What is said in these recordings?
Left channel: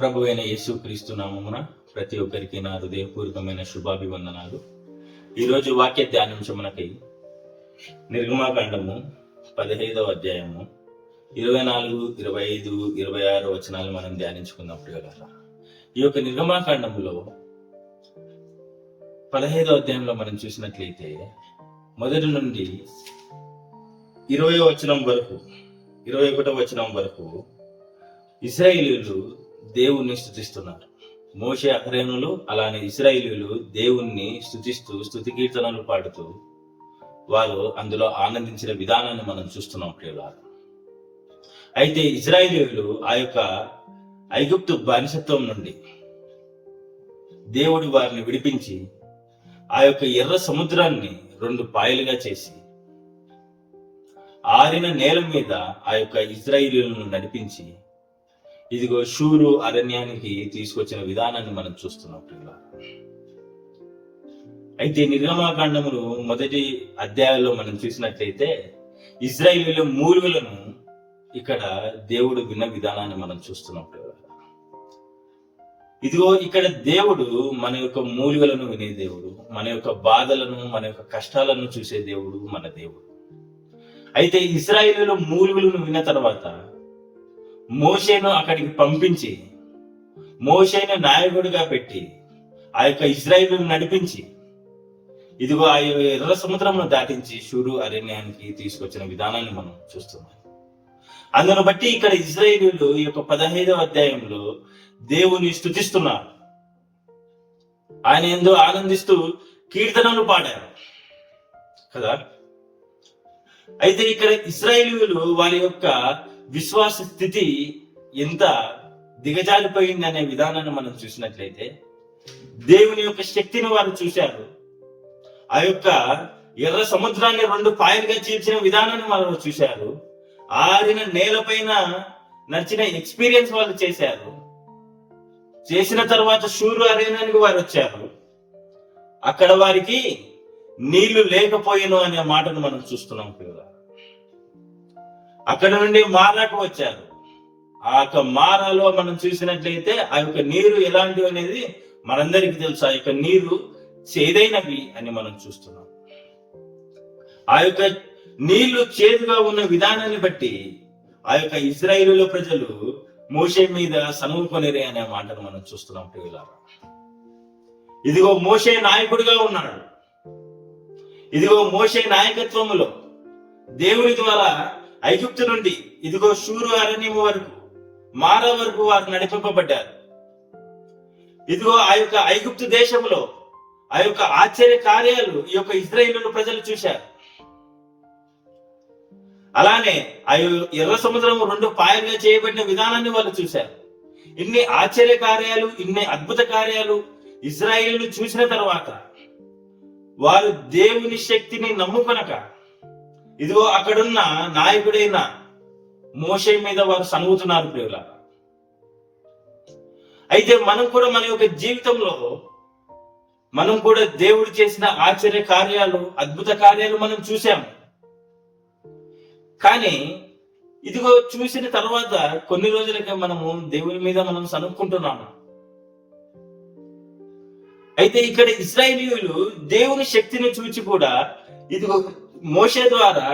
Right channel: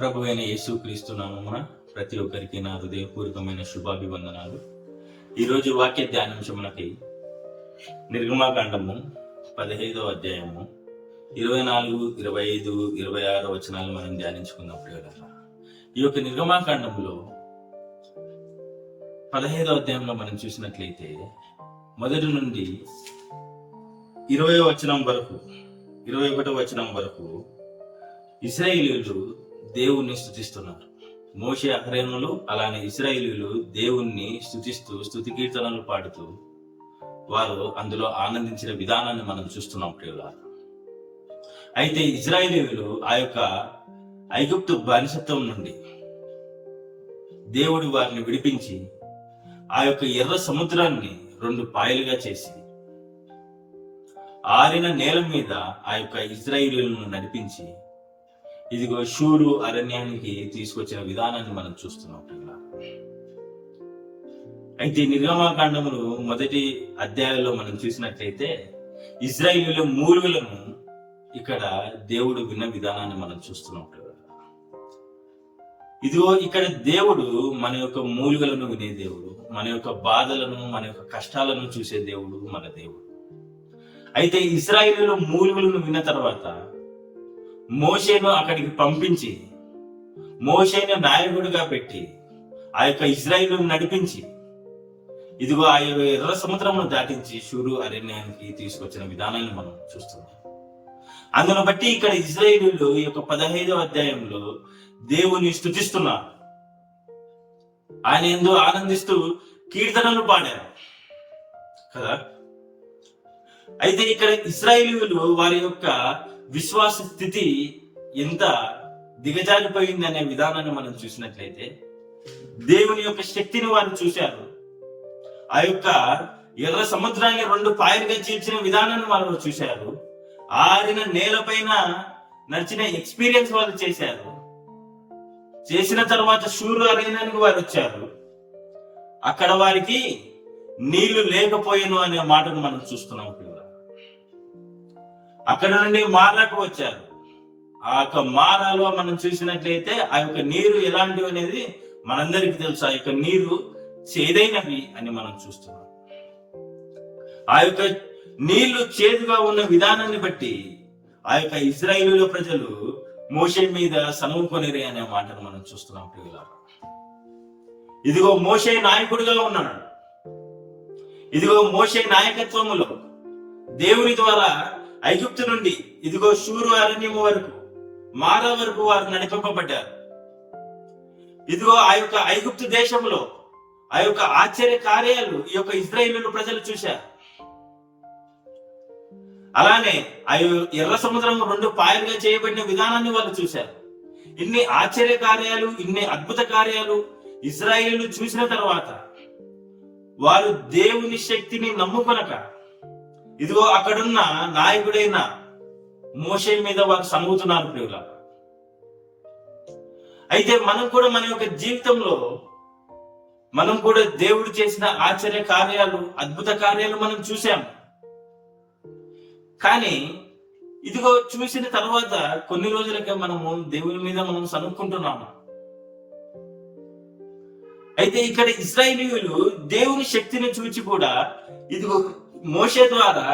ప్రభు అయిన యేసు క్రీస్తు నామమున ప్రతి ఒక్కరికి నా హృదయపూర్వకమైన శుభాభివందనాలు. ఈరోజు వాక్య ధ్యానించమునకై నిర్గమాకాండము 15వ అధ్యాయము 24, 25, 26 వచనాలు మనం ధ్యానించుకున్నప్పుడు కదా. ఈ యొక్క నిర్గమాకాండములో 15వ అధ్యాయంలో మనం చూసినట్లయితే మొదటి నుండి 20వ వచనం వరకు 21వ వచనం వరకు ఇశ్రాయేలీయులు దేవుణ్ణి స్తుతిస్తున్నారు. మోషే అహరోనులు అలానే ఇశ్రాయేలీయులు దేవుణ్ణి స్తుతిస్తూ స్తుతి కీర్తనలు పాడుతూ వారు అందులో ఆనందించిన విధానాన్ని మనం చూస్తున్నాం ప్రియులారా. అయితే ఇశ్రాయేలీయులు ఆ యొక్క ఐగుప్తు బానిసత్వం నుండి దేవుడు వారిని విడిపించి ఆ యొక్క ఎర్ర సముద్రాన్ని 2 పాయలుగా చేసి ఆరిన నేల మీద ఆ యొక్క ఇశ్రాయేలీయులను నడిపించి ఇదిగో షూరు అరణ్యానికి తీసుకొచ్చిన విధానాన్ని మనం చూస్తున్నాం ప్రియులారా. అయితే నిర్గమాకాండములు మొదటి అధ్యాయంలో మనం చూసినట్లయితే ఇశ్రాయేలీయుల మూలుగులను ఇక్కడ దేవుడు విన్న విధానాన్ని మనం చూస్తున్నాం ప్రియులారా. ఇదిగో ఇక్కడ దేవుడు మన యొక్క మూలుగలను వినే దేవుడు, మన యొక్క బాధలను మన యొక్క కష్టాలను చూసే దేవుడు మన దేవుడు. అయితే ఇశ్రాయేలీయుల మూలుగులను విన్న తర్వాత మోషేను అక్కడికి పంపించి మోషేను నాయకుడిగా పెట్టి ఆ యొక్క ఇశ్రాయేలును నడిపించి ఇదిగో ఆ ఎర్ర సముద్రమును దాటించి షూరు అరణ్యానికి తీసుకొచ్చిన విధానాన్ని మనం చూస్తున్నాం. అందును బట్టి ఇక్కడ ఇశ్రాయేలీయులు ఈ యొక్క 15వ అధ్యాయంలో దేవుని స్తుతిస్తున్నారు. ఆయన ఎంతో ఆనందిస్తూ కీర్తనలు పాడారు కదా. అయితే ఇక్కడ ఇశ్రాయేలీయులు వారి యొక్క విశ్వాస స్థితి ఎంత దిగజారిపోయింది అనే విధానాన్ని మనం చూసినట్లయితే దేవుని యొక్క శక్తిని వారు చూశారు. ఆ యొక్క ఎర్ర సముద్రాన్ని 2 పాయలుగా చీల్చిన విధానాన్ని వారు చూశారు. ఆరిన నేలపైన నడిచిన ఎక్స్పీరియన్స్ వాళ్ళు చేశారు. చేసిన తర్వాత షూరు అరణ్యానికి వారు వచ్చారు. అక్కడ వారికి నీళ్లు లేకపోయేను అనే మాటను మనం చూస్తున్నాం పిల్లలు. అక్కడ నుండి మారాకు వచ్చారు. ఆ యొక్క మారాలో మనం చూసినట్లయితే ఆ యొక్క నీరు ఎలాంటివి అనేది మనందరికీ తెలుసు. ఆ యొక్క నీరు చేదైనవి అని మనం చూస్తున్నాం. ఆ యొక్క నీళ్లు చేదుగా ఉన్న విధానాన్ని బట్టి ఆ యొక్క ఇశ్రాయేలీయుల ప్రజలు మోషే మీద సనుముకొనిరే అనే మాటను మనం చూస్తున్నాం ప్రియులారా. ఇదిగో మోషే నాయకుడిగా ఉన్నాడు. ఇదిగో మోషే నాయకత్వములో దేవుని ద్వారా ఐగుప్తు నుండి ఇదిగో షూరు అరణ్యం వరకు మారా వరకు వారు నడిపింపబడ్డారు. ఇదిగో ఆ యొక్క ఐగుప్తు దేశంలో ఆ యొక్క ఆశ్చర్య కార్యాలు ఈ యొక్క ఇశ్రాయేలీయుల ప్రజలు చూశారు. అలానే ఆ ఎర్ర సముద్రం 2 పాయలుగా చేయబడిన విధానాన్ని వాళ్ళు చూశారు. ఇన్ని ఆశ్చర్య కార్యాలు, ఇన్ని అద్భుత కార్యాలు ఇశ్రాయేలీయులు చూసిన తర్వాత వారు దేవుని శక్తిని నమ్ముకొనక ఇదిగో అక్కడున్న నాయకుడైన మోషే మీద వారు సనుగుతున్నారు ప్రియులారా. అయితే మనం కూడా మన యొక్క జీవితంలో మనం కూడా దేవుడు చేసిన ఆశ్చర్య కార్యాలు, అద్భుత కార్యాలు మనం చూసాము. కానీ ఇదిగో చూసిన తర్వాత కొన్ని రోజులకే మనము దేవుని మీద మనం సనుక్కుంటున్నాము. అయితే ఇక్కడ ఇశ్రాయేలీయులు దేవుని శక్తిని చూచి కూడా ఇదిగో మోషే ద్వారా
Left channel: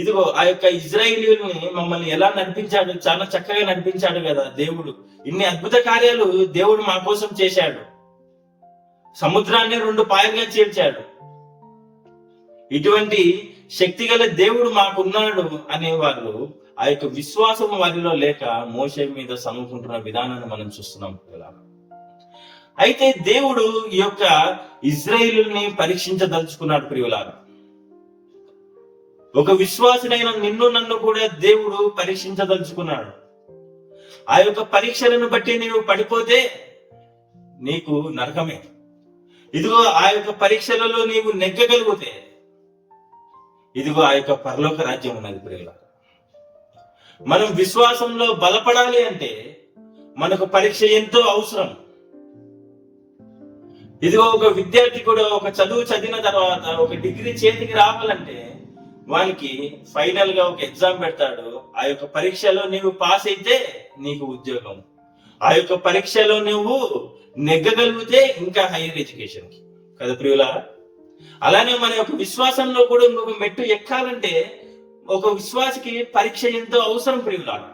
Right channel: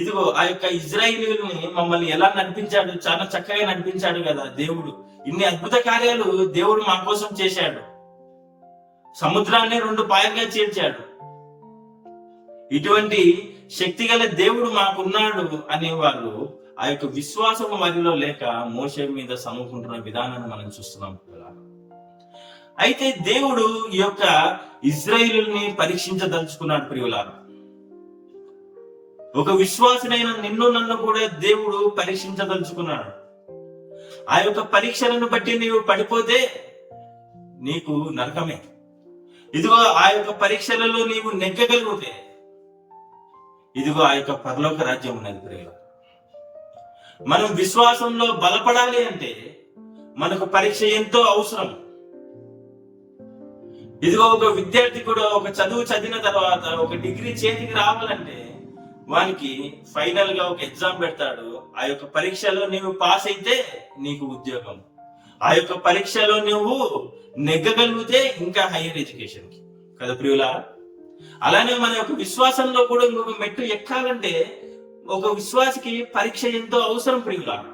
ఇదిగో ఆ యొక్క ఇశ్రాయేలీయుల్ని మమ్మల్ని ఎలా నడిపించాడు, చాలా చక్కగా నడిపించాడు కదా దేవుడు. ఇన్ని అద్భుత కార్యాలు దేవుడు మా కోసం చేశాడు. సముద్రాన్ని 2 పాయలుగా చీల్చాడు. ఇటువంటి శక్తి గల దేవుడు మాకున్నాడు అనేవారు ఆ యొక్క విశ్వాసం వారిలో లేక మోషే మీద సనుకుంటున్న విధానాన్ని మనం చూస్తున్నాం. అయితే దేవుడు ఈ యొక్క ఇశ్రాయేలుని పరీక్షించదలుచుకున్నాడు ప్రియులారా. ఒక విశ్వాసుడైన నిన్ను నన్ను కూడా దేవుడు పరీక్షించదలుచుకున్నాడు. ఆ యొక్క పరీక్షలను బట్టి నీవు పడిపోతే నీకు నరకమే. ఇదిగో ఆ యొక్క పరీక్షలలో నీవు నెగ్గగలిగితే ఇదిగో ఆ యొక్క పరలోక రాజ్యం ఉన్నది ప్రియులారా. మనం విశ్వాసంలో బలపడాలి అంటే మనకు పరీక్ష ఎంతో అవసరం. ఇదిగో ఒక విద్యార్థి కూడా ఒక చదువు చదివిన తర్వాత ఒక డిగ్రీ చేతికి రావాలంటే వానికి ఫైనల్ గా ఒక ఎగ్జామ్ పెడతాడు. ఆ యొక్క పరీక్షలో నీవు పాస్ అయితే నీకు ఉద్యోగం, ఆ యొక్క పరీక్షలో నువ్వు నెగ్గగలిగితే ఇంకా హైయర్ ఎడ్యుకేషన్ కి కదా ప్రియులారా. అలానే మన యొక్క విశ్వాసంలో కూడా ఇంకొక మెట్టు ఎక్కాలంటే ఒక విశ్వాసికి పరీక్ష ఎంతో అవసరం ప్రియులారా.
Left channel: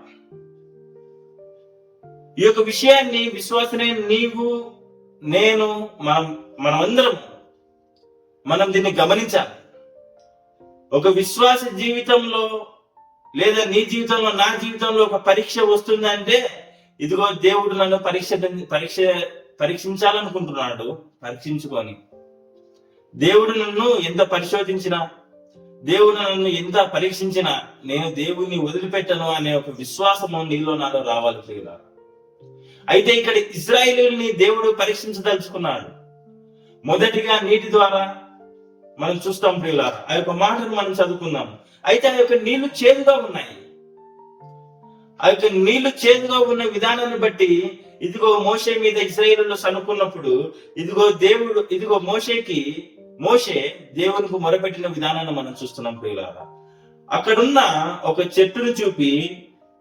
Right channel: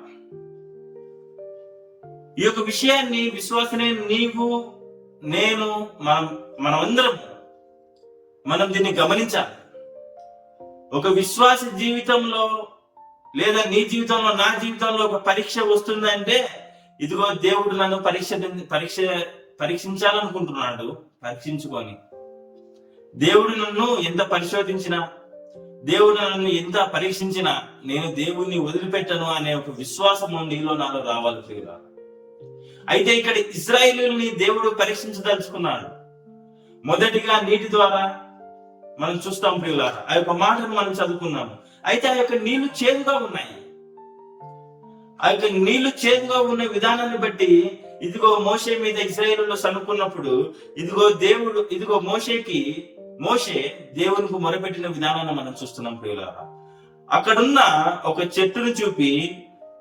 ఈ యొక్క విషయాన్ని విశ్వాసనే నీవు నేను మనమందరం మనం దీన్ని గమనించాలి. ఒక విశ్వాస జీవితంలో లేదా నీ జీవితంలో నా జీవితంలో ఒక పరీక్ష వస్తుందంటే ఇదిగో దేవుడు నన్ను పరీక్షించాలనుకుంటున్నాడు. పరీక్షించుకొని దేవుడు నన్ను ఎంత పరిశోధించినా, దేవుడు నన్ను ఎంత పరీక్షించినా నేను దేవుణ్ణి వదిలిపెట్టను అనే ఒక విశ్వాసము నీలో నాలో రావాలి ప్రియులారా. అయితే ఇక్కడ ఇశ్రాయేలుని దేవుడు పరీక్షించదలుచుకున్నాడు. మొదటిగా నీటి ద్వారా మనం చూస్తాం ప్రియులారా. ఆ యొక్క మాటను మనం చదువుకుందాం. అయితే ఆ యొక్క నీళ్లు చేదుగా ఉన్నాయి. ఆ యొక్క నీళ్లు చేదుగా ఉన్న విధానాన్ని బట్టి ఇదిగో మోషే మీద ఇశ్రాయేలులో సనుకున్నప్పుడు ఇదిగో మోషే దేవునికి మొరపెట్టిన విధానాన్ని మనం చూస్తున్నాం ప్రియులారా. అక్కడున్న ఒక చెట్టును చూపి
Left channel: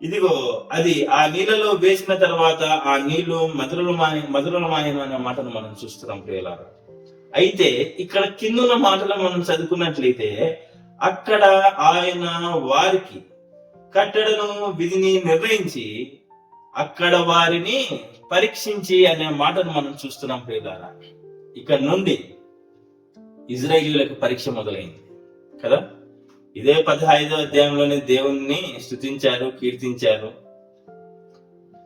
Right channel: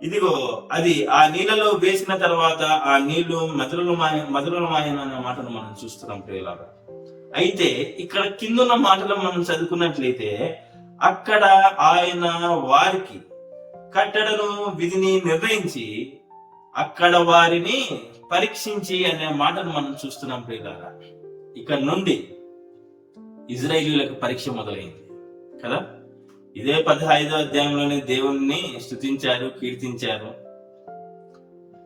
ఇదిగో అది ఆ నీళ్ళలో వేసిన తర్వాత ఆ నీళ్లు మధురమాయన అనే మాటను మనం చూస్తున్నాం ప్రియులారా. అయితే ఇక్కడ కిందున్న మాటలు మనం చదువుకున్నట్లయితే అక్కడ ఆయన వారికి కట్టడను విధిని నిర్ణయించి అక్కడ వారిని పరీక్షించి అనే మాటను మనం చూస్తున్నాం ప్రియులారా. ఇక్కడ నుండి ఇశ్రాయేలీయులకు పరీక్ష మొదలైంది కదా. ఇదే 15వ అధ్యాయంలోనే దేవుణ్ణి స్తుతించారు, కీర్తించారు.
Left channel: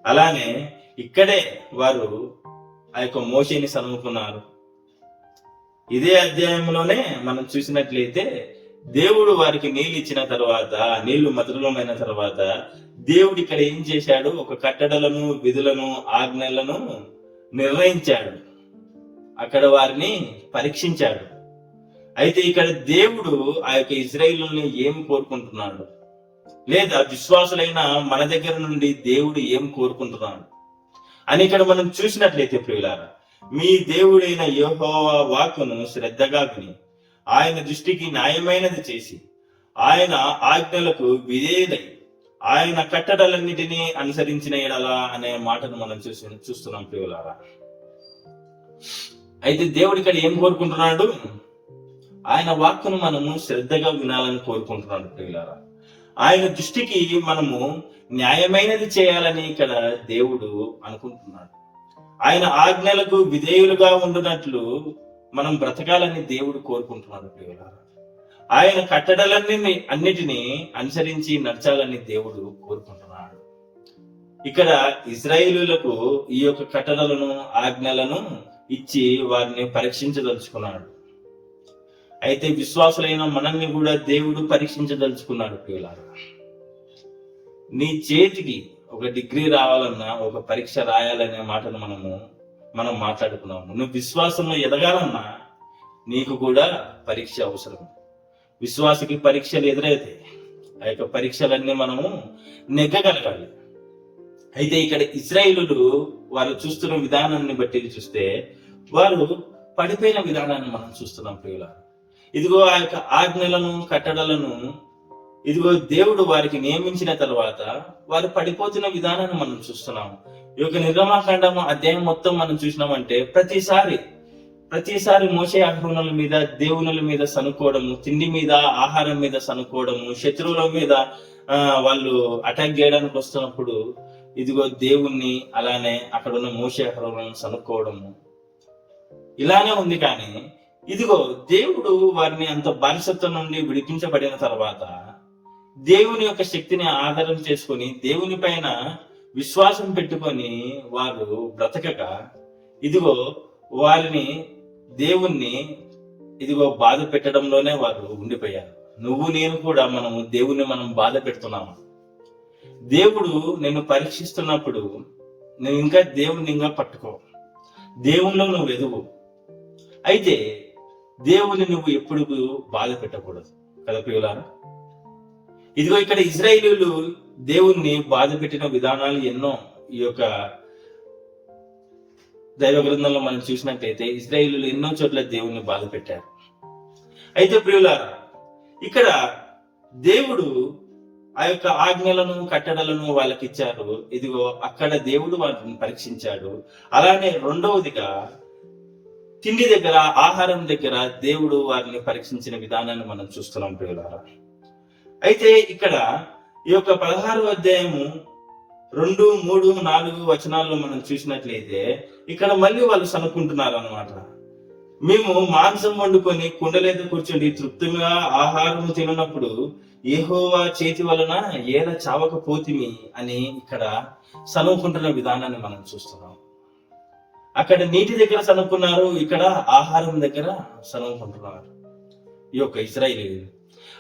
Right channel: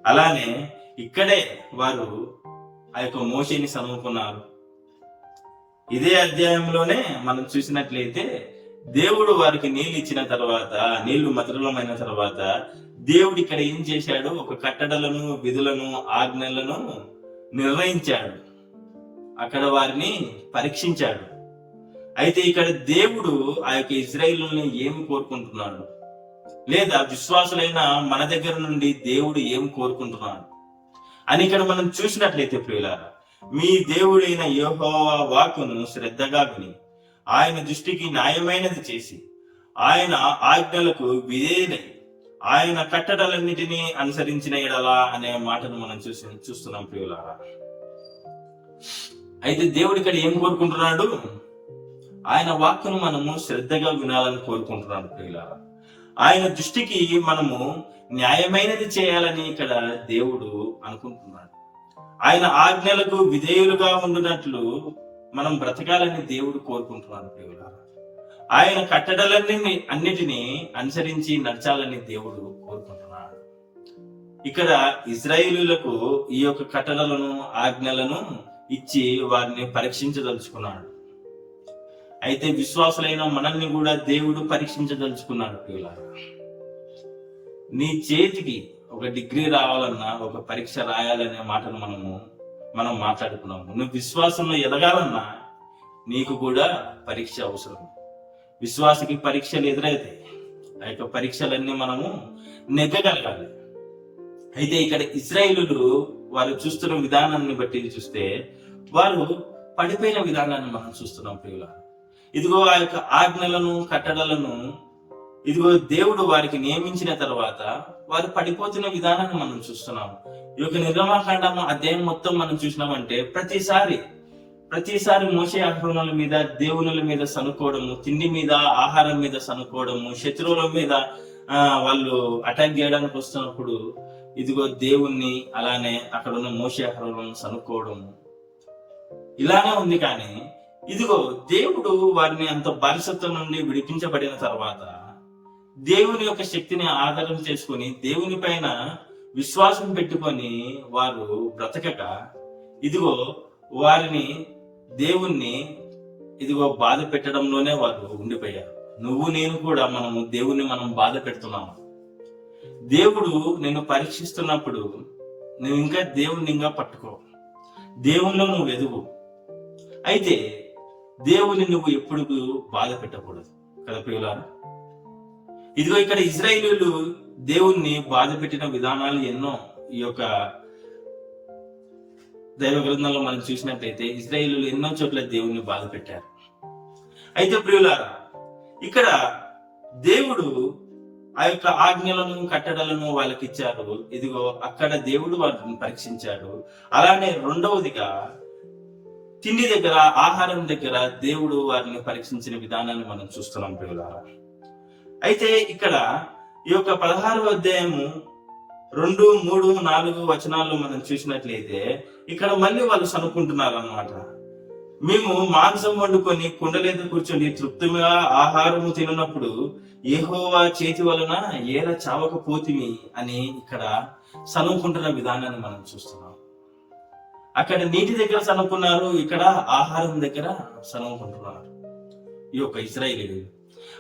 అలానే ఇక్కడే వారు ఆ యొక్క మోషేని సనుముకున్నారు. ఇదే అధ్యాయంలోనే మనం చూసినట్లయితే దేవుడు వారికి నీళ్ళు ఇచ్చిన తర్వాత, నీళ్లు మధురమైన తర్వాత దేవుడు ఇక్కడ ఏం చేశాడు? ఒక కట్టడలను, విధులను, ఆజ్ఞలను నిర్ణయించాడు. అక్కడ వారిని పరీక్షించాడు. అయితే ఇక్కడ దేవుడు ఆ యొక్క ఇశ్రాయేలుని ఏమి కోరుకుంటున్నాడు, లేదా విశ్వాసులైన మన దగ్గర నుండి దేవుడు ఏం కోరుకుంటున్నాడు అని ఇక్కడ మనం చూసినట్లయితే ప్రియులారా, మీ దేవుడైన యెహోవా వాక్కును శ్రద్ధగా విని ఆయన దృష్టికి న్యాయమైనది చేసి ఆయన ఆజ్ఞలకు విధేయులై ఆయన కట్టడలన్నిటినీ అనుసరించిన ఎడలా అనే మాటను మనం చూస్తున్నాం ప్రియులారా. అయితే దేవుడు ఇక్కడ ఏం కోరుకుంటున్నాడు? ఆయన వాక్కును మనము శ్రద్ధగా వినాలని కోరుకుంటున్నాడు ప్రియులారా. ఆయన దృష్టికి మనము న్యాయమైనది చేయాలని ఇక్కడ దేవుడు అనుకుంటున్నాడు. ఆయన ఆజ్ఞలకు విధేయులుగా ఉండునట్లు మనం బ్రతకాలని దేవుడు కోరుకుంటున్నాడు ప్రియులారా. ఆయన అన్నిటినీ అనుసరించి నడచాలని దేవుడు కోరుకుంటున్నాడు. ఇక్కడ ఇశ్రాయేలీయులకు ఈ యొక్క కట్టడలను, ఆజ్ఞలను ఇచ్చి వారిని పరీక్షించదలుచుకున్నాడు. అయితే విశ్వాసులైన మనల్ని కూడా దేవుడు పరీక్షించదలుచుకున్నాడు ప్రియులారా. నీ చేతికి ఒక డిగ్రీ రావాలన్నా, ఒక పరీక్ష రాయాలనే మాటను మనం మాట్లాడుకున్నాము. నువ్వు విశ్వాసంలో ఎదగాలన్నా నీకు కూడా పరీక్ష అవసరం. విశ్వాసకి పరీక్షలు ఎదురైతే ఆ యొక్క పరీక్షలన్నీ మనము నెగ్గగలగాలి. అయితే ఇక్కడ ఇశ్రాయేలులు వారు చూస్తున్న విధానాన్ని బట్టి చూస్తే వారు పడిపోయిన విధానాన్ని మనం చూస్తున్నాం ప్రియులారా. ఇదిగో ఆ యొక్క ఆజ్ఞలను, కట్టడలను ఇదిగో దేవుడు వారికి నియమించిన తర్వాత వారు పడిపోతున్న విధానాన్ని మనం చూస్తున్నాము. ఈ యొక్క నిర్గమాకాండము అధ్యాయం మొత్తం మనం చూసినామంటే ప్రతిసారి మోషే అహరోనుల మీద, దేవునుల మీద సనుకోవడము, తిండి మీద, ఆహారం మీద సనుకోవడము, శత్రువుల మీద వాళ్ళు అటాక్ చేయడానికి వస్తున్నప్పుడు ఇదిగో దేవుణ్ణి, అలానే అక్కడ ఉన్న మోషే అహరోనులను సనుకోవడము ఇలానే ఉంది. కానీ ఇదిగో దేవుడు వారిని అంత బానిసత్వం నుండి విడిపించబడిన తర్వాత దేవుని యొక్క శక్తిని ఆధారం చేసుకొని దేవుని పైన విశ్వాసం పెట్టుకొని వారు బ్రతకక ఇదిగో వారిని దేవుణ్ణి ఇదిగో బాధ పెట్టడంలోనే వారు ఉండిపోయారు. నువ్వు నేను కూడా దేవుణ్ణి బాధ పెడుతున్నాము. దేవుడు నిన్ను పరీక్షిస్తున్నప్పుడు నువ్వు ఇంకా దేవుణ్ణి పట్టుకో, దేవుణ్ణిలో నువ్వు ఎదుగు. అయితే దేవుని నువ్వు ఎప్పుడు బాధ పెట్టకూడదు కదా ప్రియులారా. ఇదిగో ఇక్కడ ఇశ్రాయేలీయులు దేవుణ్ణి బాధ పెట్టిన విధానాలు ఎన్నో ఈ యొక్క దైవ గ్రంథంలో మనం చూసినట్లయితే ఇశ్రాయేలీయులు ఎన్నో చోట్ల దేవుణ్ణి బాధ పెట్టారు. అయితే ప్రియులారా, ఇక్కడ దేవుడు ఆ యొక్క ఆజ్ఞలను కట్టడలను వాళ్ళకి ఇచ్చారు. ఇదిగో అక్కడ దేవుడు వారిని పరీక్షించాడు. అలానే రెండవదిగా తిండి దగ్గర, ఆహారం దగ్గర దేవుడు వారిని పరీక్షించిన విధానాన్ని మనం చూస్తున్నాం ప్రియులారా. అయితే ఇక్కడ ఈ యొక్క 16వ అధ్యాయము 2, 3, 4 వచనాల్లో మనం చూసినట్లయితే ఇక్కడ మళ్ళీ వాళ్ళు సనుక్కుంటున్నారు అన్నమాట. మేము మాంసం వండుకొని కుండలేద కూర్చొని తృప్తిగా ఆహారం తినప్పుడు యెహోవా చేతి వలన ఏల చావకపోతిమి అని ఇక్కడ సనుక్కుంటున్న విధానాన్ని మనం చూస్తున్నాం. అక్కడ నీటి దగ్గర సనుక్కున్నారు, ఇక్కడ ఆహారం దగ్గర సనుక్కుంటున్నారు ఈ యొక్క ఇశ్రాయేలీయులు.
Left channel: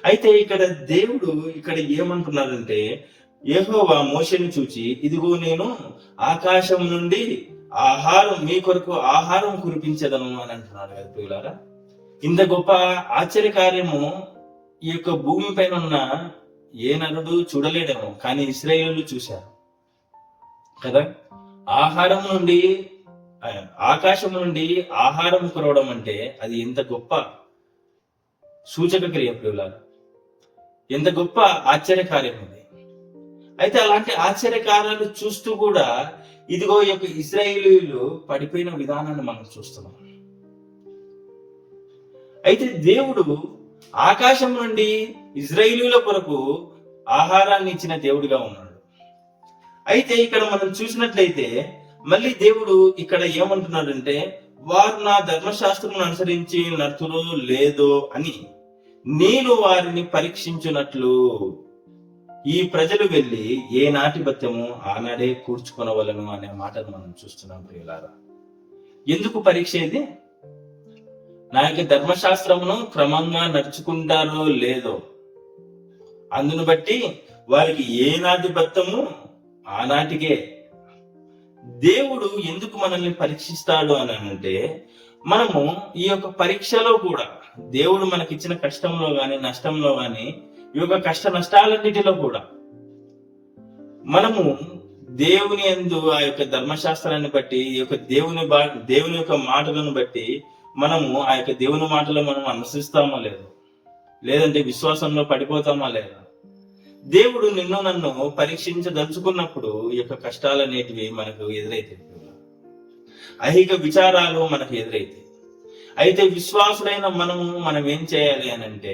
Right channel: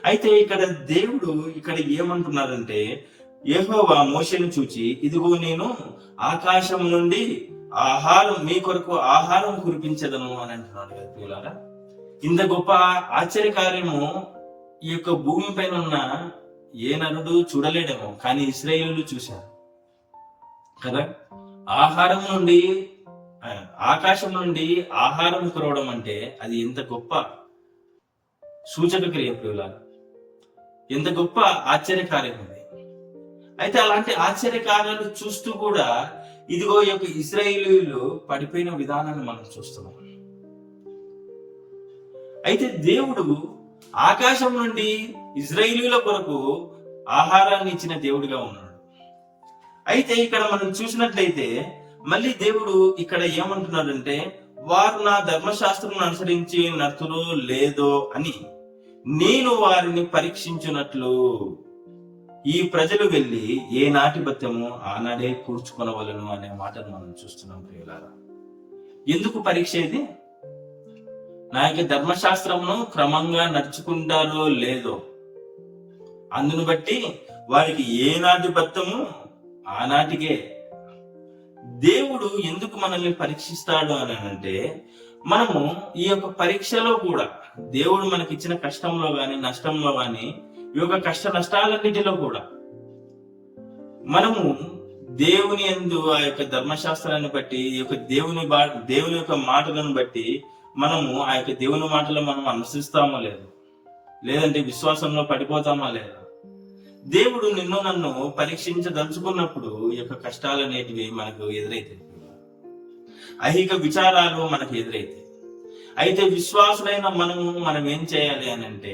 అయితే ఇక్కడ దేవుడు ఇక్కడ ఏమంటున్నారంటే, యెహోవా మోషేను చూచి ఇదిగో నేను ఆకాశం నుండి ఆహారం మీ కొరకు ఆహారం కురిపించదను అని అంటున్నాడు కదా ప్రియులారా. ఇంత గొప్ప ఆశ్చర్యకార్యము ఈ యొక్క భూమి పైన ఉన్న ఏ నరుడు చూడలేడేమో, కానీ ఇశ్రాయేలీయులు చూశారు కదా. ఆహారం నుండి ఆకాశం నుండి ఆహారం కురవడం అంటే అది ఎంత గొప్ప సూచక క్రియ ప్రియులారా, ఎంత గొప్ప ఆశ్చర్యకార్యం అది. అయితే అలాంటి ఆశ్చర్యకార్యాలు చూస్తూ కూడా ఇదిగో ఈ యొక్క ఇశ్రాయేలీయులు పడిపోయిన విధానాన్ని మనం చూస్తున్నాం. అయితే దేవుడు ఆకాశం నుండి ఇశ్రాయేలీయుల కొరకు ఆహారాన్ని ఇచ్చిన దేవుడిగా ఉన్నాడు. అయితే ఇక్కడ మనం చూసినట్లయితే మళ్ళీ దేవుడు ఇక్కడ ఏమంటున్నాడంటే, వారు నా ధర్మశాస్త్రం అనుసరించి నడుతురో లేదో అని నేను వారిని పరీక్షించున్నట్లు ఈ ప్రజలు వెళ్ళి ఏ నాటి బత్యము ఆనాడే కూర్చుకొనవలను అనే మాటను మనం చూస్తున్నాం ప్రియులారా. ఎందుకు పరీక్ష ఇది? నా యొక్క ధర్మశాస్త్రమును క్రమంగా నడుచుకుంటారో లేదో అందును బట్టి వారికి ఏ నాటి బత్తము ఆనాటికే. దేవుడు ఎందుకు మనల్ని పరీక్షిస్తాడు అని అంటే, మనము ఈ యొక్క పరీక్షలో కూడా దేవుడు మనకిచ్చిన కష్టంలో గాని నష్టంలో గాని ఈ యొక్క కష్ట నష్టాలన్నిటిలో కూడా మనము దేవుని యందు ఆ యొక్క ధర్మశాస్త్రాన్ని బట్టి ఈ యొక్క దేవుని యొక్క మాటలను బట్టి మనము ఆ యొక్క దేవుని మాటలు మనం అనుసరిస్తామో లేదు, లేదంటే విశ్వాసంలో పడిపోతామా లేదా. దేవుడు నిన్ను నన్ను పరీక్షించదలుచుకున్నప్పుడు ఈ యొక్క కష్టాలు అనేటివి మనకు ఎదురైతాయి, ఐహిక విచారాలు మనకు ఎదురైతాయి. అయితే విశ్వాసులైన మనం ఏం చేయాలి అని అంటే,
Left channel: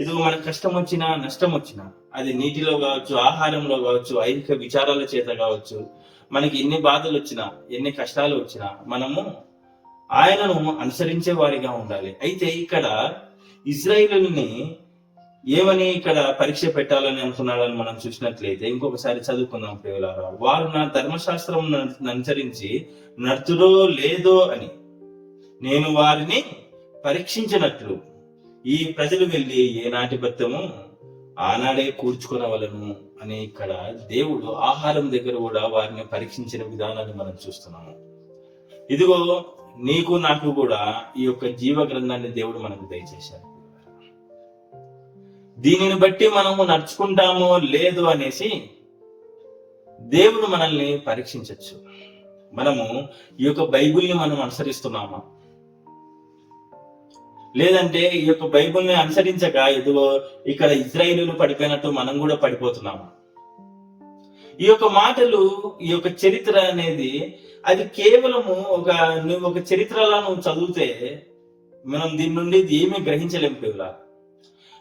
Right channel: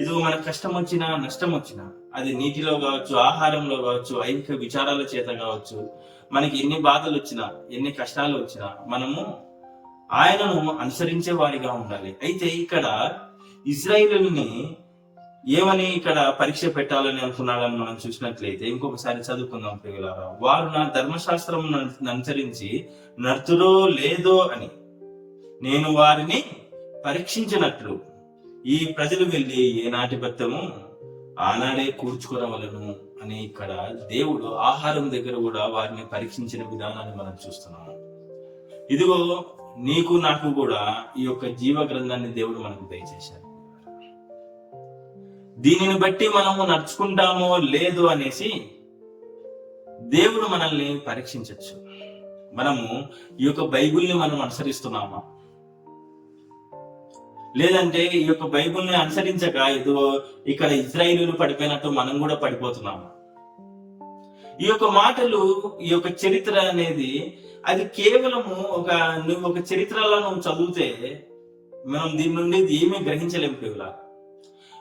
ఇదిగో మనకు కష్టం వచ్చినా నష్టం వచ్చినా, అది నీటిలో కావచ్చు, ఆహారంలో కావచ్చు, ఐహిక విచారాల చేత కావచ్చు, మనకి ఎన్ని బాధలు వచ్చినా ఎన్ని కష్టాలు వచ్చినా మనము ఆయనను అనుసరించే వారిగా ఉండాలి. అయితే ఇక్కడ ఇశ్రాయేలుని ఏమని ఇక్కడ పరీక్ష పెట్టాలని అనుకున్నాడని మనం చూసినట్లయితే ఇంకొకసారి చదువుకుందాం ప్రియులారా. వారు నా ధర్మశాస్త్రం అనుసరించి నడుతురో లేదో అని నేను వారిని పరీక్షించినట్లు ఈ ప్రజలు వెళ్ళి ఏ నాటి బత్తము ఆనాడే కూర్చుకొనవలను అని ఇక్కడ దేవుడు ఆహారం దగ్గర కూడా వారిని పరీక్షించిన విధానాన్ని మనం చూస్తున్నాము. ఇదిగో నీకు నాకు కూడా ఈ యొక్క జీవ గ్రంథాన్ని దేవుడు మనకు దయచేశాడు. దీనిని బట్టి మనము నడుచుకుంటామో లేదు అనేసి దేవుడు మనల్ని పరీక్షించవచ్చు. మనము ఈ యొక్క బైబిల్ని మనం అనుసరిస్తున్నామా, లేదంటే ఈ యొక్క బైబిల్ని అనుసరించక ఇదిగో ఇక్కడ ఇశ్రాయేలీయులు పడిపోయినట్టు మనం కూడా పడిపోతున్నామా? ఈ యొక్క మాటలు, ఈ యొక్క చరిత్ర అనేది అది కేవలము నువ్వు ఒక చరిత్రలా నువ్వు చదివితే మనం దీని నుండి ఏమీ గ్రహించలేము పిల్లల.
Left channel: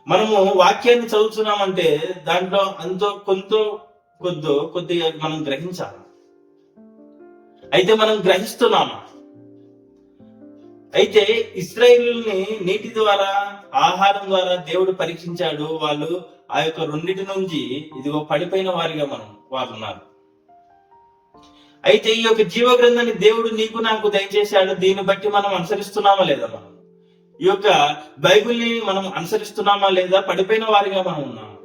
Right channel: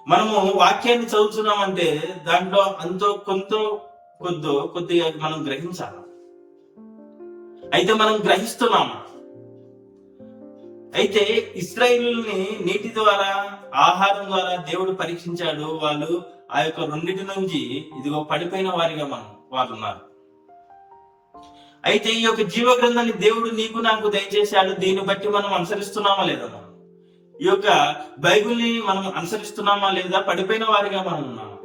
మనము వాక్యాన్ని చదువుతున్నామంటే దాంట్లో కొద్దిగా మనం గ్రహించాలి. అయితే మనం గ్రహిస్తున్నామా? అయితే ఇశ్రాయేలుని నీటి ద్వారా, ఆహారం ద్వారా దేవుడు పరీక్షించాడు. వాళ్ళు ఆ యొక్క రెండింటి నుంచి ఇదిగో పడిపోయిన వారిగా వారు ఉన్నారు. అయితే ఈ యొక్క జీవ గ్రంథాన్ని దేవుడు నీకు నాకు దయచేశాడు. దీన్ని బట్టి మనం అనుసరిస్తున్నామా లేదా? మనం ఈ యొక్క బైబిల్ని మనం అనుసరిస్తున్నామా లేదా? పడిపోయిన వారిగా మనం ఉన్నామా?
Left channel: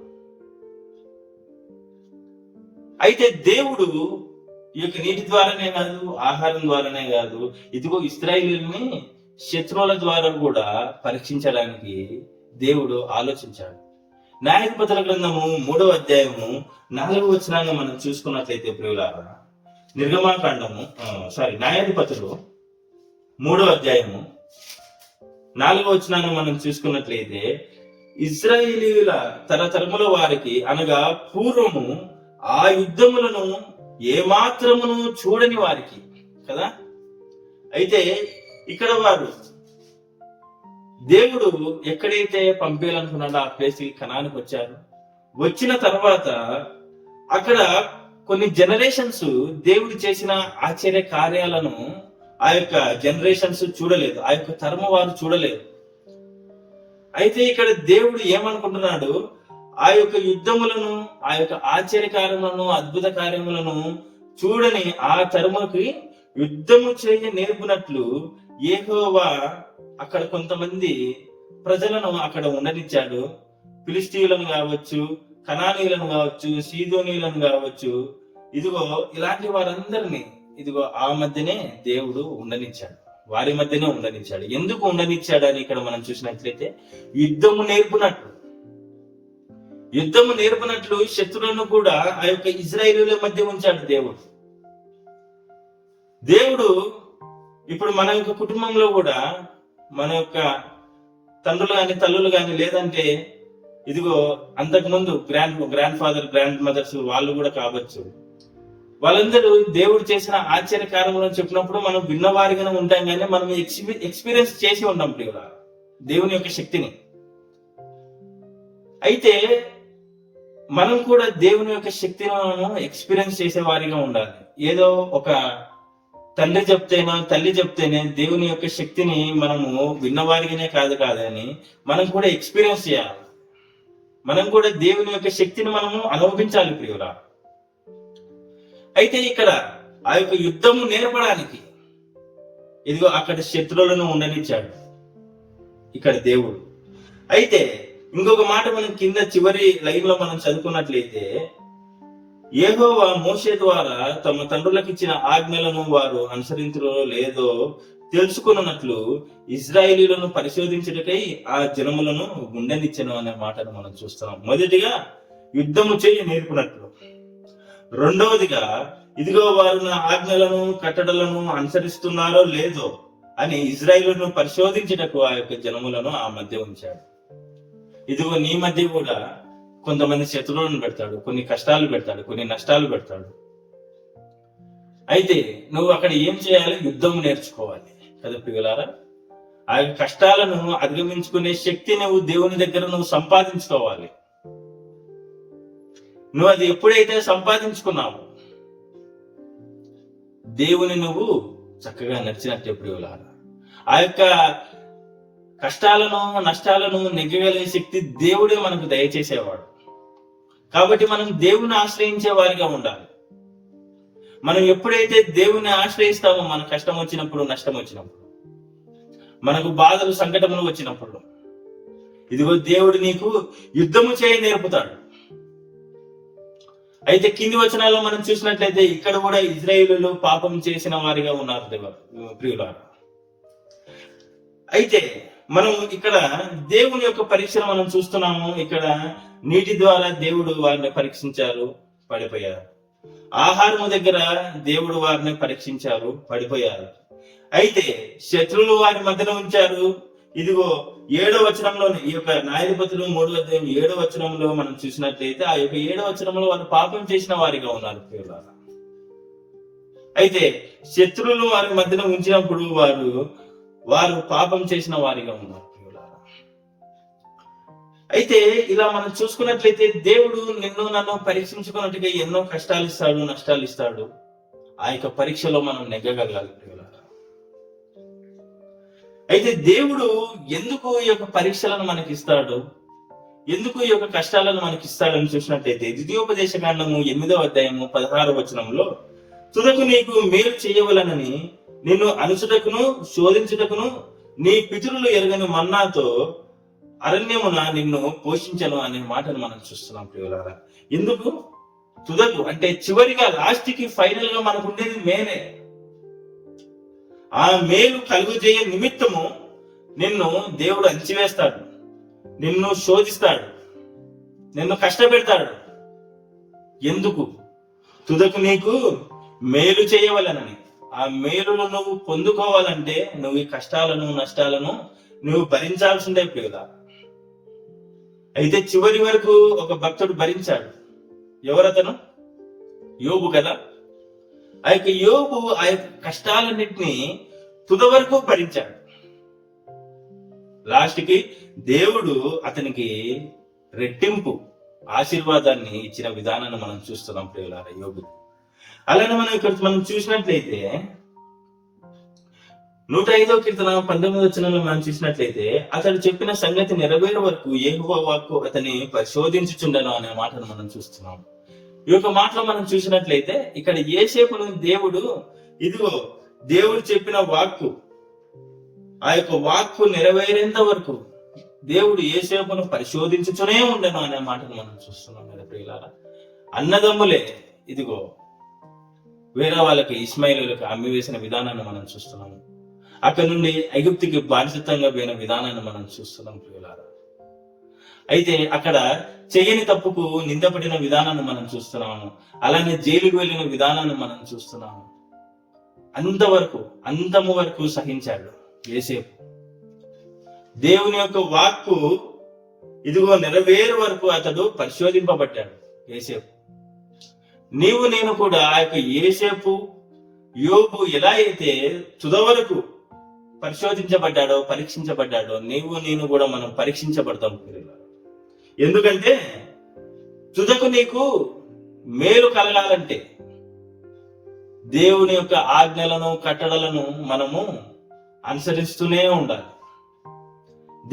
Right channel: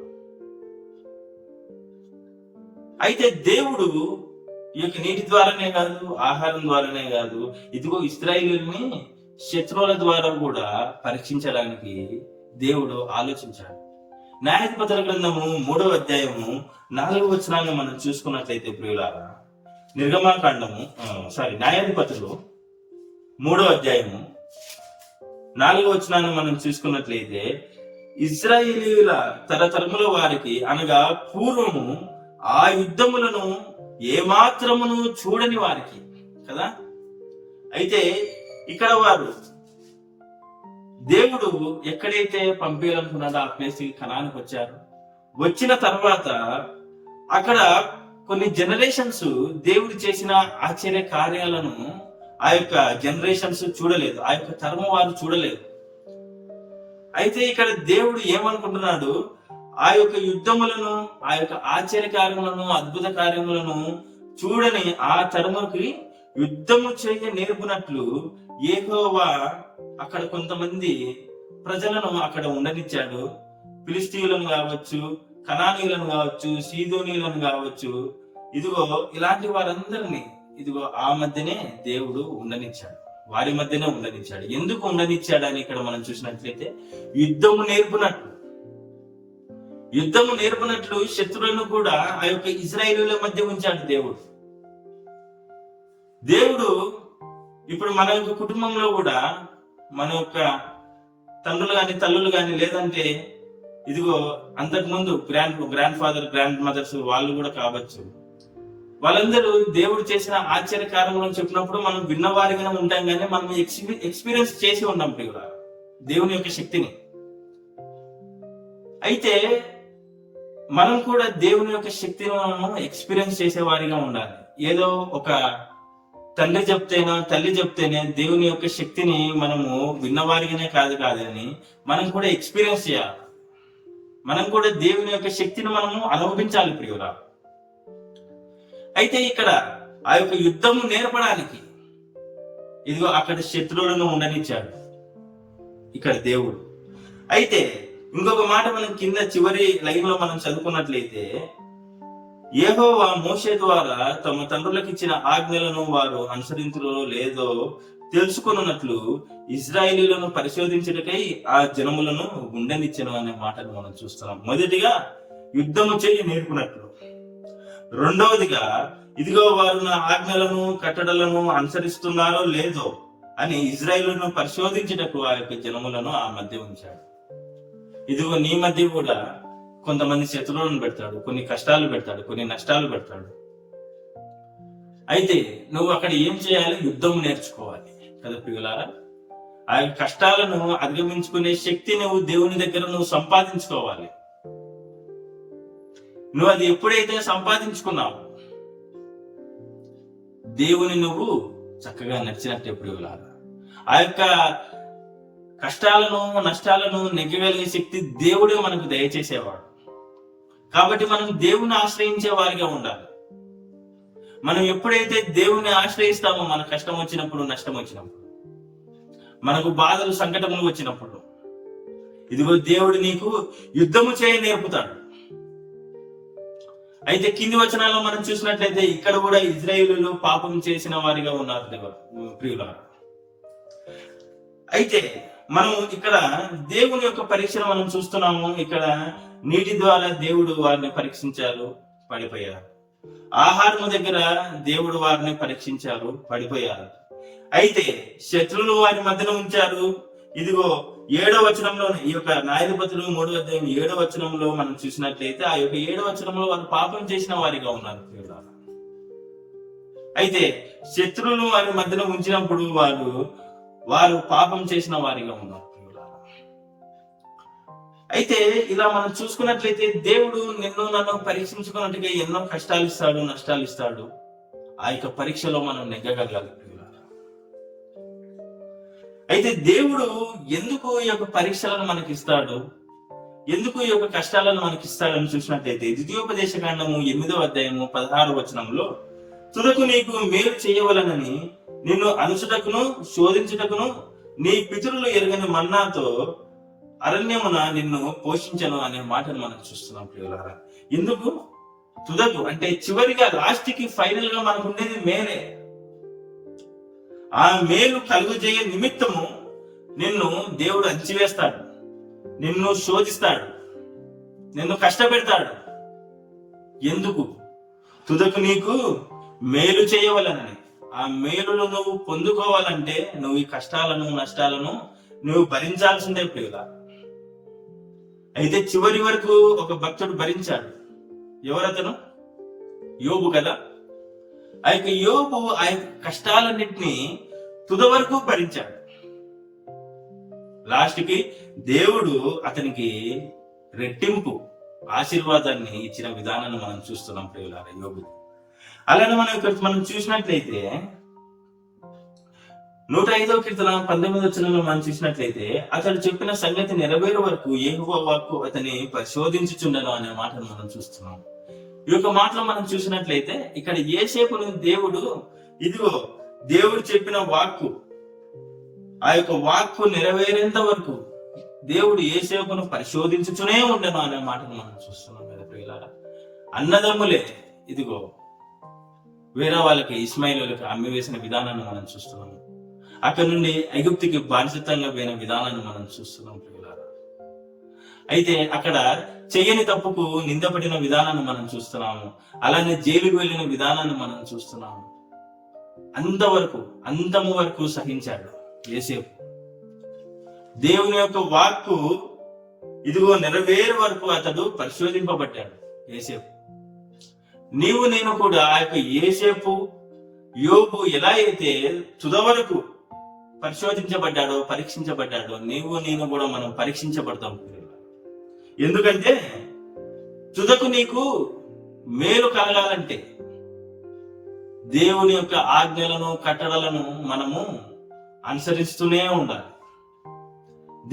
అయితే దేవుడు ఈ యొక్క నీటి ద్వారానే కాదు, ఆహారం ద్వారానే కాదు, ఇదిగో ఇశ్రాయేలుని శత్రువుల ద్వారా కూడా పరీక్షించడానికి దేవుడు ఆలోచించాడు. న్యాయాధిపతుల గ్రంథము 3వ అధ్యాయము 4వ వచనాన్ని మనం చూసుకున్నట్లయితే ప్రియులారా, న్యాయాధిపతులు 3వ అధ్యాయము 4వ వచనాన్ని మనం చూసుకున్నట్లయితే, ఇశ్రాయేలీయుల తరతరముల వారికి అనగా పూర్వము ఆ యుద్ధములను ఏమాత్రమును చూడని వారికి కదా. అయితే ఇక్కడ వారు దేవుడు ఎక్కడైతే పంపించాలనుకున్నాడో ఆ ప్లేస్ కి కనానికి వచ్చారు. వచ్చిన తర్వాత అక్కడ కొన్ని జనరేషన్స్ దేవుడు చేసిన ఆశ్చర్య కార్యాలను ఆ యొక్క జనరేషన్స్ చూడలేదు, ఆ యొక్క తరము వారు చూడలేదు. అయితే ఇక్కడ దేవుడు ఏమనుకుంటున్నాడు, ఆ యొక్క యుద్ధములను, ఆ యొక్క ఆశ్చర్య కార్యములను, అద్భుత కార్యములను చూడని ఆ తరముకి యుద్ధము చేయ నేర్పునట్లు యెహోవా అక్కడ కొంతమంది ప్రజలను అక్కడ ఉండనిచ్చాడు. ఫిలిష్తీయులను కావచ్చు, కనానీయులను కావచ్చు, సీదోనీయులను కావచ్చు, ఇదిగో ఇలాంటి వారందరినీ ఇదిగో ఆ మధ్యనే దేవుడు ఉండనిచ్చాడు, వారి మధ్యనే ఉండనిచ్చాడు. ఎందుకు ఉండనిచ్చాడని ఇక్కడ మనం చూసినట్లయితే యుద్ధము నేర్పునట్లు శత్రువులను కూడా ఆ యొక్క ఇశ్రాయేలీయుల మధ్య ఉంచాడు దేవుడు. ఇప్పుడు మన యొక్క కుటుంబంలో కూడా మన యొక్క తండ్రులు గాని తల్లులు గాని, లేదంటే ఇదిగో అంతకు ముందు గ్రాండ్ ఫాదర్ గ్రాండ్ మదర్స్ వాళ్ళు కూడా కావచ్చు, వాళ్ళందరూ దేవుడు చేసిన ఆశ్చర్య కార్యములను చెప్పినప్పుడు మనం విన్నవారిగానే ఉంటాం, కానీ మనం ఎక్స్పీరియన్స్ చేసి ఉంటాం ప్రియులా దేవుని యొక్క శక్తిని. అయితే మనం కూడా దేవుని యొక్క శక్తిని మనం ఎక్స్పీరియన్స్ చేసే వారిగా ఉండాలి. ఏదో ఒక తండ్రి చెప్తేనో తల్లి చెప్తేనే దేవుని యొక్క శక్తిని మనము విన్నవారిగానే కాదని మనం కూడా ఎక్స్పీరియన్స్ చేయాలి. మనం కూడా దేవుని యొక్క శక్తిని మనము అనుభవించాలి ప్రియులా. అయితే ఇక్కడ ఆ యొక్క యుద్ధము నేర్పడానికి ఇదిగో అక్కడ శత్రువులను ఉండనిచ్చాడు ఇక్కడ దేవుడు. అయితే ఇంకొక మాట మనం కింద చివరి లైన్ లో మనం చదువుకున్నట్లయితే, యెహోవా మోషే ద్వారా తమ తండ్రులకు ఇచ్చిన ఆజ్ఞలను వారు అనుసరించులో లేదో తెలుసుకున్నట్లు ఇశ్రాయేలీయులను పరిశోధించటకై ఆ జనములను గుండెనిచ్చెను అనే మాటను మనం చూస్తున్నాం. మొదటిగా యుద్ధము చేయ నేర్పునట్లు, రెండవదిగా ఇదిగో వారు నా ఆజ్ఞలను కట్టడలను అనుసరిస్తున్నారో లేదో అని ఇశ్రాయేలును పరిశోధించటకు ఆ యొక్క జనములను ఆ మధ్య ఉంచాడు. ఇదిగో నీ మధ్య కూడా కొంతమంది శత్రువులను పెడతాడు, కొన్ని కష్టాలు పెడతాడు, కొన్ని నష్టాలు పెడతాడు. అయితే నువ్వు అక్కడ ఏం చేయాలి? యుద్ధం నేర్చుకోవాలి కదా ప్రియులారా. ఆ కష్టాలను అధిగమించుకునే శక్తి నువ్వు దేవుని దగ్గర నువ్వు సంపాదించుకోవాలి. నువ్వు అది ఎప్పుడైతే సంపాదించుకున్నావు, దేవుని నువ్వు చక్కగా నడిచినట్టే ప్రియులారా. ఆ యొక్క కష్టాలను నష్టాలను నెగ్గగలిగే శక్తి దేవుడే మనకు దయచేసేవాడు. కాబట్టి మనం దేవుని ఆశ్రయించే వారిగా ఉండాలి. మనం ఎప్పుడైతే దేవుని ఆశ్రయిస్తామో, మన కష్టం వచ్చినప్పుడు, నష్టం వచ్చినప్పుడు, మనకు బాధలు సంకటములు వచ్చినప్పుడు, ఇదిగో దేవుడు నీకు యుద్ధము చేయ నేర్పుతాడు. అయితే కింది వచనాల్లో మనం చూసినట్లయితే ఇక్కడ కూడా ఇశ్రాయేలీయులు పాపం చేసిన వారిగా ఉన్నారు ప్రియులారా. అయితే మనం ఇక్కడ దేవుని యొక్క పరీక్షను మనం చూస్తున్నాము. ఇక్కడ నీటి ద్వారా దేవుడు వారిని పరీక్షించారు, పడిపోయారు. ఆహారము దగ్గర దేవుడు వారిని పరీక్షించారు, పడిపోయారు. అయితే శత్రువులు వారి మధ్యన ఉంచారు. ఇదిగో 7వ వచనంలో, ఈ యొక్క న్యాయాధిపతులు 3వ అధ్యాయం 7వ వచనంలో మనం చూసినట్లయితే ఆ యొక్క 7వ వచనంలో వారు పాపం చేసిన వారిగా ఉన్నారు ప్రియులారా. అయితే శత్రువులు వారి మధ్యన ఉంచినప్పుడు వారు పాపం చేసిన వారిగా ఉన్నారు ప్రియులారా. అయితే ఇలా మనం చూసుకున్నట్లయితే దేవుడు నిన్ను నన్ను పరీక్షించుకున్నట్టుగా ఎన్నో కష్టాలు ఇస్తాడు, నష్టాలు ఇస్తాడు. ఆ యొక్క పరీక్షలో మనం నెగ్గగలగాలి ప్రియులారా. అయితే దేవుడు ఎందుకు ఈ యొక్క పరీక్షలను మనకి ఇస్తాడు, ఎందుకు ఈ యొక్క కష్టాలను మనకి ఇస్తాడని చూసినట్లయితే ద్వితీయోపదేశ కాండము 8వ అధ్యాయము 16వ వచనంలో, తుదకు నీకు మేలు చేయవలనని నిన్ను అనుచుటకును శోధించుటకును నీ పితరులు ఎరగని మన్నాతో అరణ్యమున నిన్ను పోషించను అనే మాటను మనం చూస్తున్నాం ప్రియులారా. ఎందుకు తుదకు అంటే చివరిగా, లాస్ట్ కి ఫైనల్ గా మనకు ఉండేది మేలే. ఆ మేలు కలుగుజేయ నిమిత్తము నిన్ను దేవుడు అంచివేస్తాడు, నిన్ను శోధిస్తాడు, నిన్ను కష్టపెడతాడు. ఎందుకు? తుదకు నీకు మేలు చేయవలనని. ఆ మేలును నువ్వు పొందుకోవాలంటే నువ్వు ఈ కష్టాలను నష్టాలను నువ్వు భరించాల్సిందే ప్రియులా. అయితే చివరి వరకు ఒక భక్తుడు భరించాడు. ఎవరతను? యోబు కదా. ఆ యొక్క యోబు ఆ యొక్క కష్టాలన్నింటినీ తుద వరకు భరించాడు. లాస్ట్ కి దేవుడు అతనికి రెట్టింపు ఆశీర్వాదాన్ని ఇచ్చిన విధానాన్ని మనం చూస్తున్నాం ప్రియులారా యోబు. అలానే మనం ఇక్కడ మనం చూసినట్లయితే 105వ కీర్తన 19వ వచనంలో మనం చూసినట్లయితే అతడు చెప్పిన సంగతి నెరవేరు వరకు యెహోవా వాక్కు అతన్ని పరిశోధించుచుండెను అనే మాటను మనం చూస్తున్నాం. ఈ యొక్క మాటలో మనం చూసినట్లయితే ఇక్కడ యోసేపును దేవుడు, ఇదిగో దేవుడు చెప్పిన వాక్కు, ఆ యొక్క వాక్కు నెరవేరేంత వరకు దేవుడు యోసేపును పరిశోధించుచునే ఉండెను అనే మాటను మనం చూస్తున్నాం కదా ప్రియులారా. అన్నదమ్ములే ఇదిగో వేరే వాళ్ళకి ఇస్మాయిలులకు అమ్మి వేసిన విధానాన్ని మనం చూస్తున్నాము. అక్కడ నుండి ఐగుప్తుకి బానిసత్వంగా పోయిన విధానాన్ని మనం చూస్తున్నాం ప్రియులారా. అయితే అక్కడ చేయని తప్పుకు నిందపడిన విధానాన్ని మనం చూస్తున్నాము. అలానే జైలుకు వెళ్ళిన విధానాన్ని మనం చూస్తున్నాము. అంతవరకు అంతము వరకు సహించాడు యోసేపు. దేవుని యొక్క వాక్కు ఇదిగో నెరవేరు వరకు అతడు పరిశోధింపబడ్డాడు యోసేపు. నీవు నేను కూడా ఆ యొక్క యోసేపు యోబు ఎలా అయితే తుద వరకు పరిశోధించబడ్డాడో పరీక్షించబడ్డాడో నీవు నేను కూడా మనం పరీక్షించబడతాం. ఎందుకంటే తుదకు నీకు మేలు కలగాలంటే దేవుని యొక్క ఆజ్ఞలను కట్టడలను మనము అనుసరిస్తూనే ఉండాలి.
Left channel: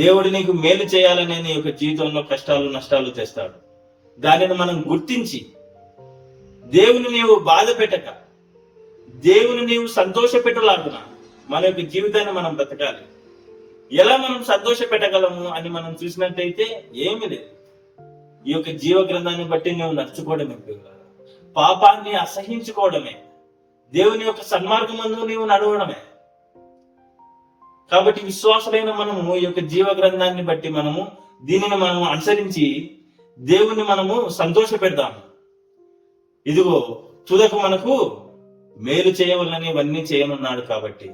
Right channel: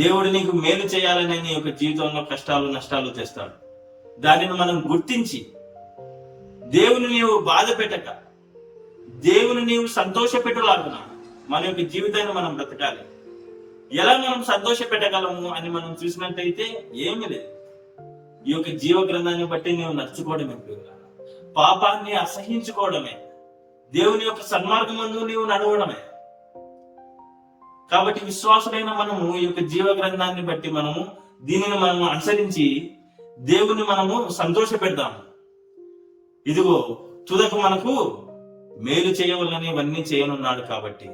దేవుడు నీకు మేలు చేయాలనే నీ యొక్క జీవితంలో కష్టాలు నష్టాలు తెస్తాడు. దానిని మనం గుర్తించి దేవుని నీవు బాధ పెట్టక దేవుని నీవు సంతోష పెట్టులాగున మన యొక్క జీవితాన్ని మనం బ్రతకాలి. ఎలా మనం సంతోష పెట్టగలము అని మనం చూసినట్టయితే ఏమీ లేదు. ఈ యొక్క జీవ గ్రంథాన్ని బట్టి నువ్వు నడుచుకోవడమే, పాపాన్ని అసహించుకోవడమే, దేవుని యొక్క సన్మార్గమందు నీవు నడవడమే. కాబట్టి విశ్వాసులైన మనము ఈ యొక్క జీవ గ్రంథాన్ని బట్టి మనము దీనిని మనము అనుసరించి దేవుని మనము సంతోష పెడదాము. ఇదిగో తుదకు మనకు మేలు చేయవలని ఇవన్నీ చేయనున్నాడు. కాబట్టి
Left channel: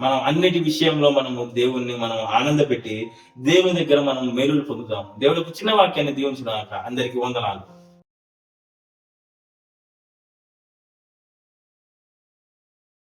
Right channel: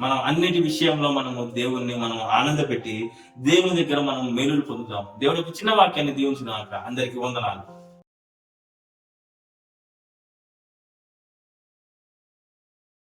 మనం అన్నిటి విషయంలో మనము దేవుణ్ణి మనం ఆనంద పెట్టి దేవుని దగ్గర మనం మేలులు పొందుతాం. దేవుడికి చిన్న వాక్యాన్ని దీవించుగాక. అందరికీ వందనాలు.